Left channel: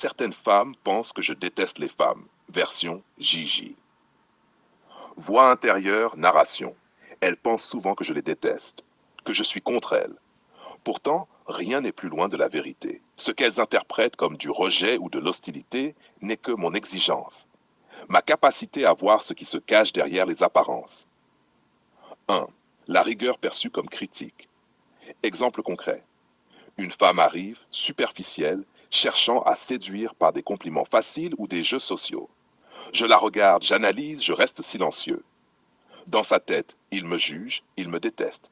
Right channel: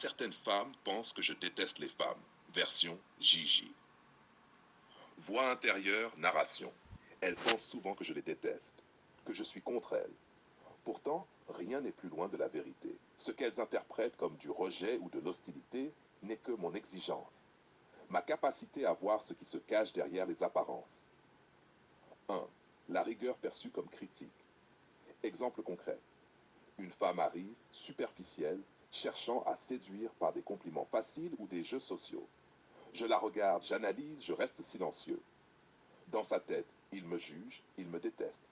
Certaines femmes pensent que je déteste les femmes. Version Gigi. Voix intérieure, narration. Elles pensent souvent que je les déteste, que je suis contre elles. Pourtant, rien n'est plus loin de la vérité. Ce qu'elles interprètent comme du rejet ou de l'hostilité n'est que mon exigence, ma capacité à voir ce qui se cache derrière les apparences. 1. La rigueur perçue comme critique. Exemple concret. Une femme arrive, superficielle, cherchant à séduire par des compliments faciles ou des jeux sociaux. Je la regarde, j'analyse, je reste silencieux. Dans sa tête, il me juge, il me déteste.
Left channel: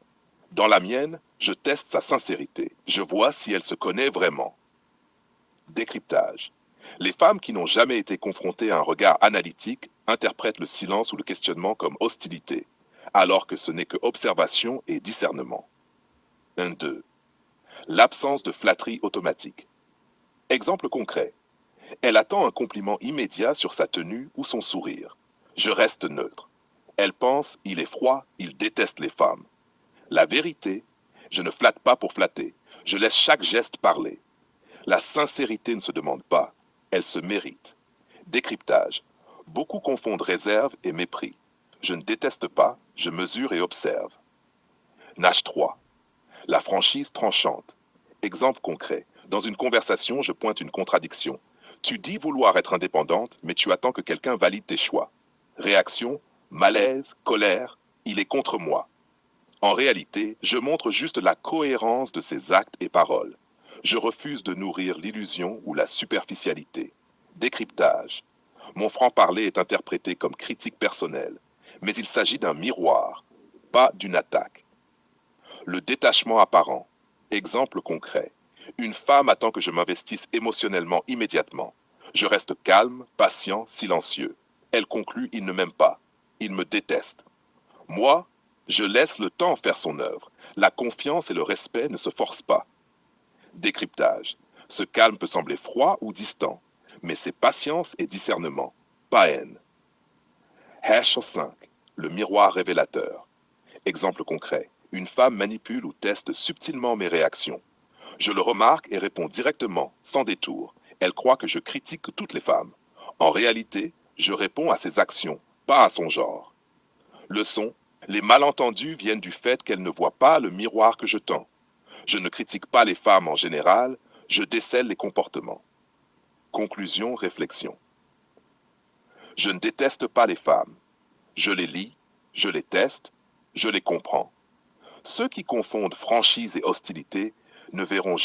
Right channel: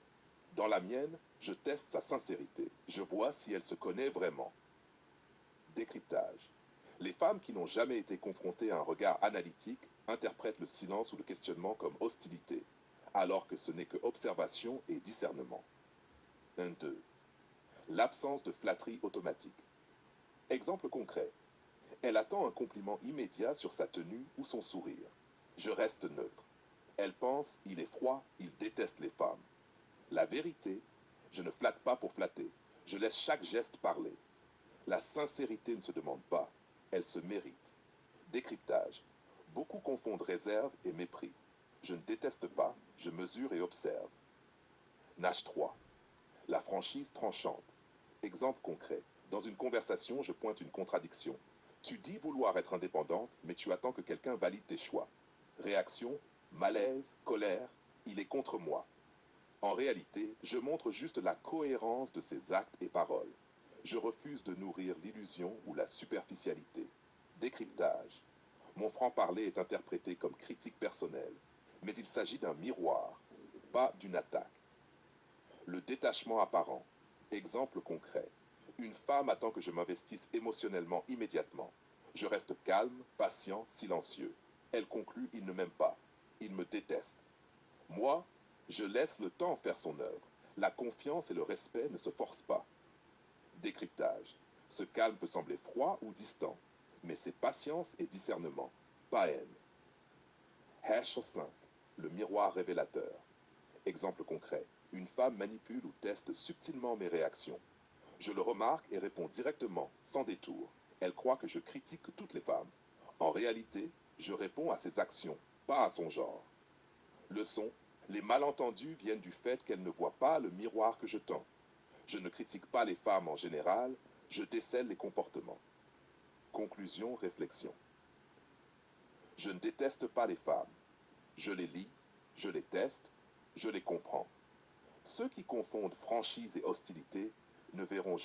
Dans la mienne, je teste sa sincérité. Je vois si elle se connaît vraiment. Décryptage. Les femmes qui n'ont jamais été confrontées à un regard analytique interprètent le silence ou le questionnement comme hostilité, alors que ce n'est que observation et discernement. 1-2. L'absence de flatterie automatique. Exemple concret. Elle attend un compliment immédiat sur sa tenue ou son sourire. Je reste neutre. Elle pense, il est froid, il déteste les femmes. La vérité, je ne flatte pas pour flatter. Je laisse chaque geste parler. La sincérité ne se demande pas, elle se mérite. Décryptage. Beaucoup confondent réserve et mépris. Je ne déteste pas, je mesure et observe. Nage 3. La franchise tranchante. Exemple concret. Dans une conversation, je pointe une contradiction. Tu dis vouloir être indépendante, mais tu attends que quelqu'un valide tes choix. Réaction, malaise, colère, il est contre moi. En réalité, je montre juste la cohérence de ses actes et paroles. Je refuse de nourrir l'illusion ou la superficialité. Décryptage. Mon franc-parler est interprété comme critique personnelle, mais il s'agit d'un miroir, pas d'une attaque. Le détachement apparent. Exemple concret. Une femme attend que je m'investisse émotionnellement immédiatement. Je reste calme, patient, silencieux. Elle conclut, il ne m'aime pas. Il me déteste. Moi, je laisse le temps faire son œuvre. La confiance et le respect ne se forcent pas. Décryptage. Ce calme peut sembler froid ou distant, mais c'est patience et discernement, pas haine. Hash 5. Le miroir révélateur. Exemple concret. Une femme manipule ou teste subtilement mes réactions. Je le remarque et réponds directement, sans détour. Elle croit que je critique toutes les femmes. En réalité, je réponds à ses actions, pas à son genre. Leçon. Les malentendus viennent du fait qu'elle ne voit pas le miroir que je tends. Je ne critique pas les femmes en général, je décèle les comportements. Conclusion, réflexion. Je ne déteste pas les femmes. Je les lis, je les teste, je les comprends. Ceux qui confondent franchise et hostilité ne verront